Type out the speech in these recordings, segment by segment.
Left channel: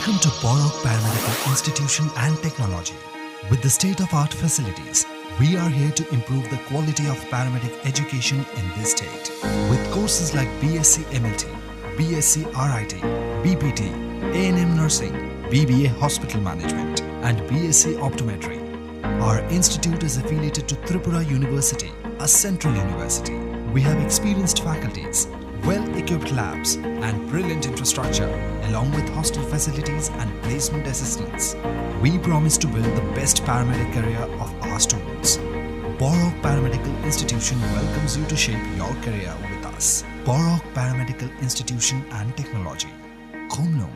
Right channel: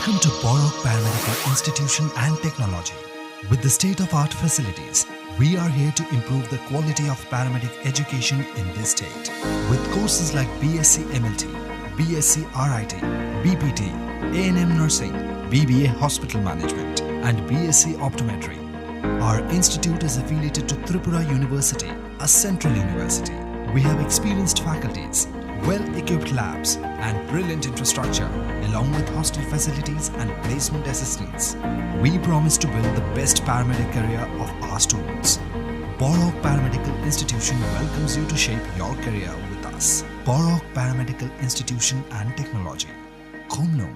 Welcome to Borok Paramedical Institution and Technology. With the state-of-art facilities, we are here to improve the quality of paramedic education in this state. With courses like BSc MLT, BSc RIT, BPT, A&M Nursing, BBA Hospital Management, and BSc Optometry. Our institute is affiliated to Tripura University, a central university. We have experienced faculties, well-equipped labs, and brilliant infrastructure, along with hostel facilities and placement assistance. We promise to build the best paramedic career of our students. Borok Paramedical Institution welcomes you to shape your career with us. Borok Paramedical Institution and Technology. Khomno.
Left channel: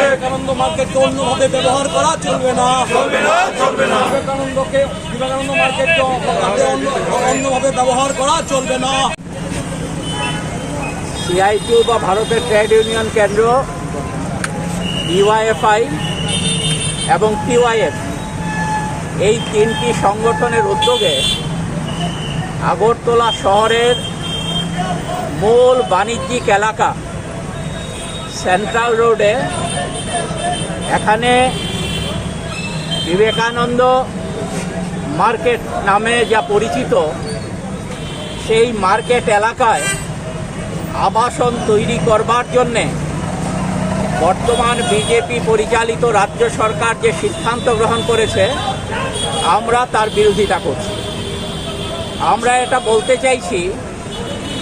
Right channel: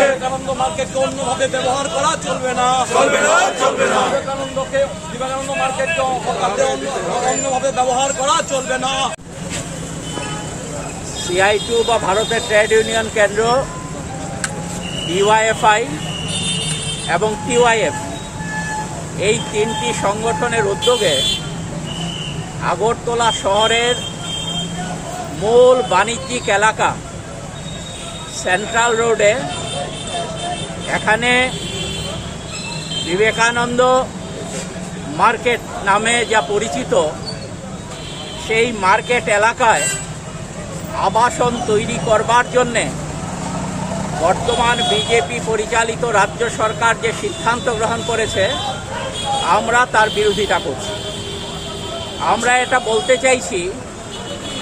Vivekananda মার্কেটকে অন্যভাবে ব্যবহার করা চলবে না। বিবেকানন্দ মার্কেটকে অন্যভাবে ব্যবহার করা চলবে না। সিআইটিউ বা ভারতের ট্রেড ইউনিয়ন কেন্দ্র, ডিওয়াইএফআই এবং টিওয়াইএফ এই তিনটি সংগঠনের উদ্যোগে আগরতলা শহরের মূল বাণিজ্যিক এলাকা সেন্ট্রাল রোডে এখানে বিবেকানন্দ মার্কেট নামে যা পরিচিত সেই মার্কেট এলাকায় আবাসন তৈরি করবার জন্যে বর্তমান বিজেপি পরিচালিত রাজ্য সরকার যে সিদ্ধান্ত গ্রহণ করেছে আমরা তার বিরোধিতা করছি। আমরা এটা বলতে চাইছি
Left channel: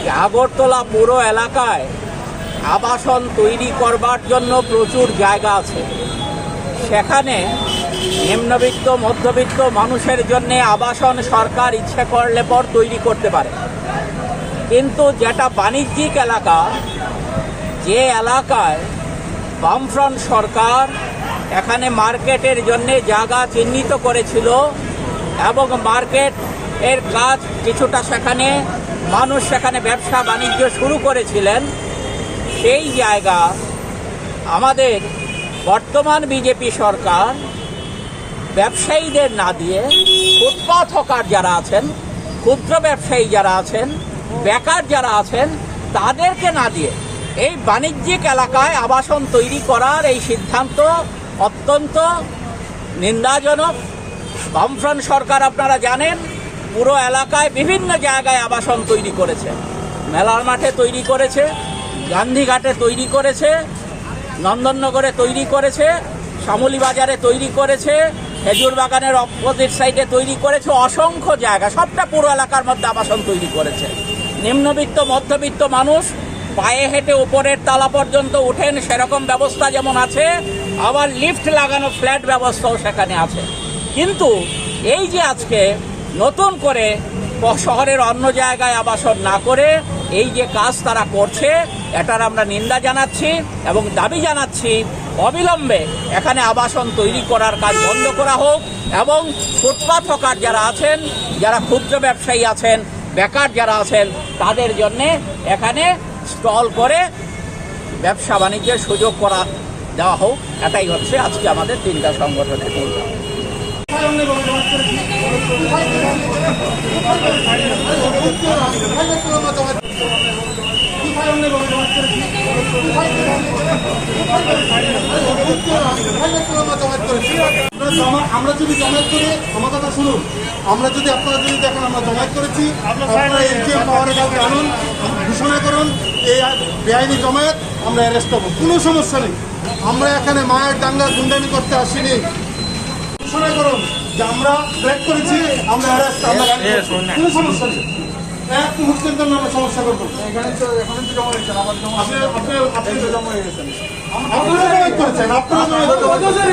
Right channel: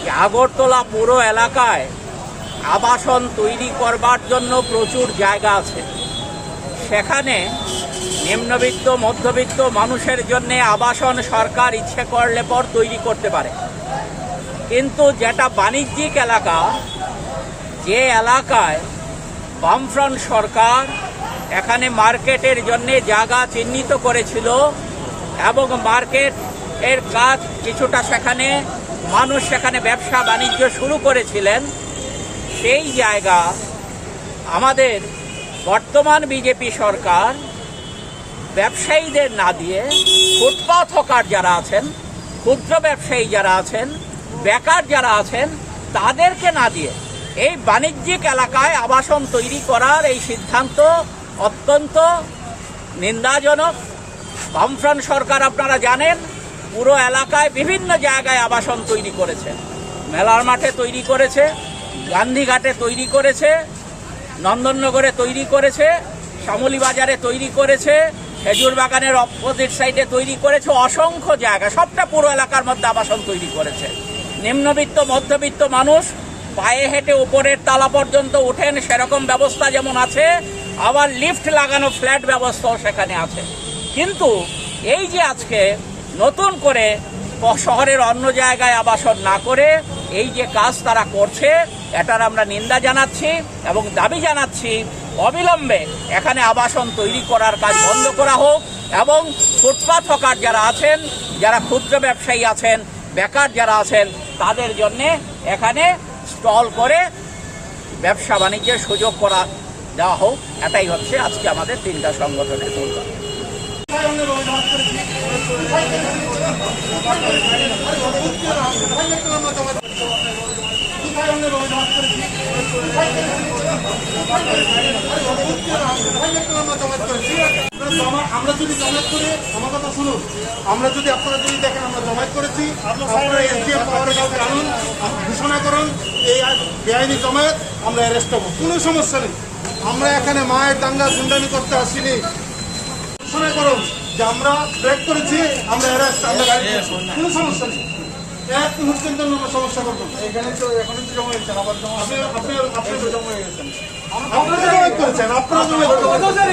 যে আগরতলা পুরো এলাকায় আবাসন তৈরি করবার জন্য প্রচুর জায়গা আছে। সেখানে নিম্নবিত্ত মধ্যবিত্ত মানুষের জন্য আবাসন সরকার ইচ্ছে করলে পর তৈরি করতে পারে, কিন্তু যেটা বাণিজ্যিক এলাকা, যে এলাকায় বামফ্রন্ট সরকার এখানে মার্কেটের জন্য জায়গা চিহ্নিত করেছিল এবং মার্কেট এর কাজ কিছুটা সেখানে মানুষ সেখানে ব্যবসা বাণিজ্য শুরু করেছিলেন, সেই জায়গা আমাদের বর্তমান বিজেপি সরকার ব্যবসায়ীদের না দিয়ে ফুটপাথ হকার যারা আছেন, ক্ষুদ্র ব্যবসায়ী যারা আছেন, বেকার যারা আছেন তাদেরকে না দিয়ে এই বাণিজ্যিক এলাকায় আবাসন তৈরি করার এই সিদ্ধান্ত অত্যন্ত নিন্দাজনক। বামফ্রন্ট সরকার আপনারা জানেন পুরো এলাকায় বিভিন্ন জায়গায় আবাসন তৈরি করেছে, মেলার মাঠে তৈরি করেছে, গান্ধীঘাটে তৈরি করেছে, নন্দননগরে তৈরি করেছে, শ্যামলী বাজারে তৈরি করেছে, খেজুর বাগানের অপোজিট সাইডে তৈরি করেছে, অসংখ্য জায়গা, সবটা পুরো এলাকার মধ্যে আবাসন তৈরি করেছে। নিম্নবিত্ত মধ্যবিত্ত মানুষ পায়ে হেঁটে উপরের তালা পর্যন্ত ওঠেন সেরকম ব্যবস্থা যেমন আছে, আবার লিফট লাগানো ফ্ল্যাট ব্যবস্থাও সেখানে আছে। কিন্তু এই যে আজকে নতুন করে শহরের অন্য জায়গায় আবাসন না করে এই যে কাজ তারা করছে, এটার আমরা নিন্দা জানাচ্ছি এবং দাবি জানাচ্ছি অবিলম্বে এখানে আবাসন তৈরি করার কাজ বন্ধ করা হোক এবং ফুটপাত হকার যারা আছেন, যারা ক্ষুদ্র ব্যবসায়ী আছেন, বেকার যারা আছেন, তাদের জন্যে এখানে স্টল করে ব্যবসা বাণিজ্যের সুযোগ করা দেওয়া হোক। এটাই হচ্ছে আজকে আমাদের তিনটা সংগঠনের মূল দাবি। আমরা যদি জমায়েত করি, আমার কথা শুনুন, আমরা যদি আপনারা যদি দেখেন আমরা জমায়েত করেছি, আপনারা এসডিএম পাওয়ারে কাউকে আনুন, ঘোষণা করুন এই বেআইনি জমায়েত, আমরা অ্যারেস্ট হবো, কোনো সমস্যা নেই। আমরা এখানে মায়ের দাঙ্গা গুন্ডামি করতে আসিনি। ঘোষণা করুন যে আমরা ব্রেক করেছি, আমরা অ্যারেস্ট, আমরা কোনো সমস্যা নেই। এক মুহূর্তের জন্য আমরা সমস্যা করবো। এখানে তো জমা হয়েছেন, আবার আপনি তো জমা হয়ে গেছেন, আপনারা জমায়েত করেছেন, আপনারা জমায়েত করেছেন।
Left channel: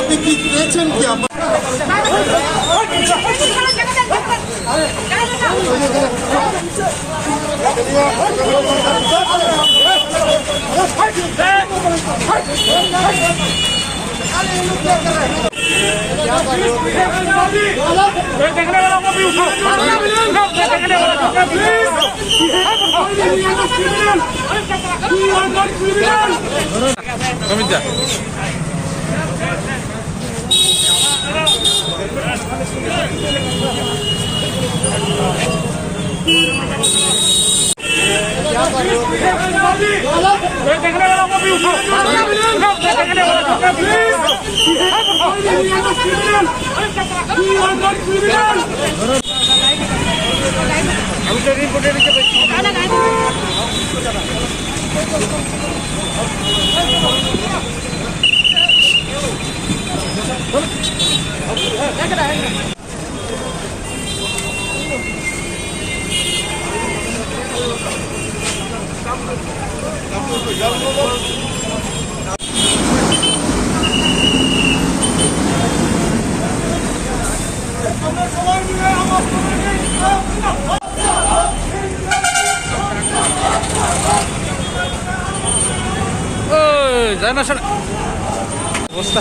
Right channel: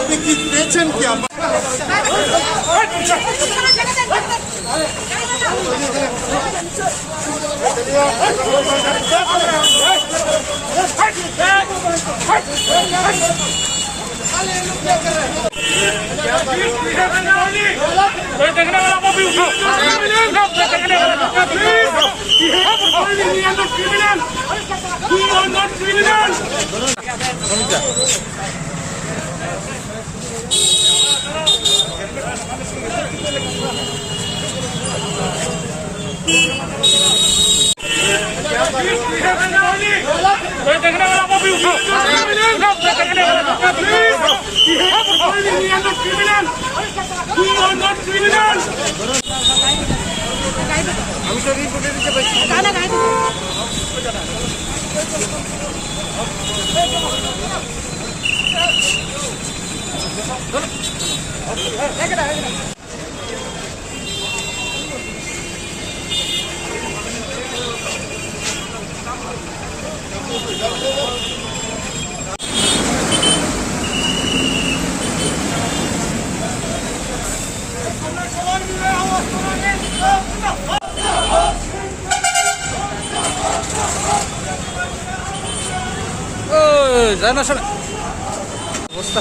আপনি কি পেয়েছেন কি? যায় না অবস্থা।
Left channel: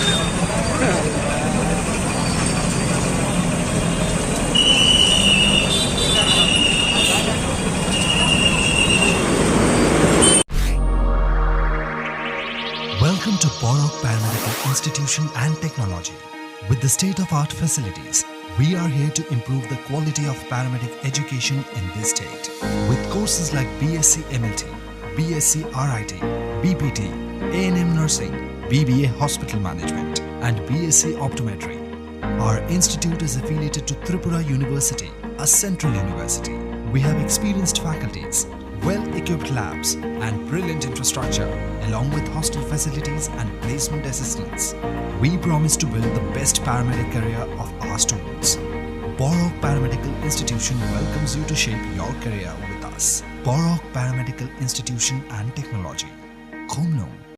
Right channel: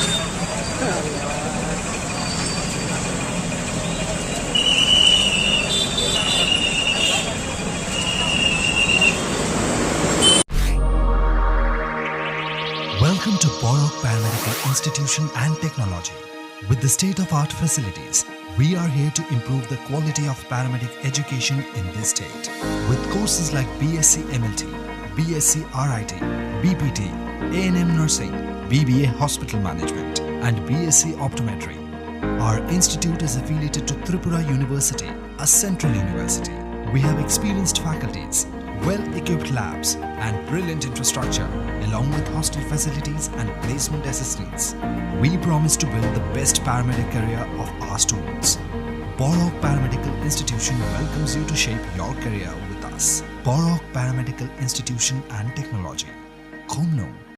Welcome to Borok Paramedical Institution and Technology. With the state-of-art facilities, we are here to improve the quality of paramedic education in this state. With courses like BSc MLT, BSc RIT, BPT, A&M Nursing, BBA Hospital Management, and BSc Optometry. Our institute is affiliated to Tripura University, a central university. We have experienced faculties, well-equipped labs, and brilliant infrastructure, along with hostel facilities and placement assistance. We promise to build the best paramedic career of our students. Borok Paramedical Institution welcomes you to shape your career with us. Borok Paramedical Institution and Technology. Khomno.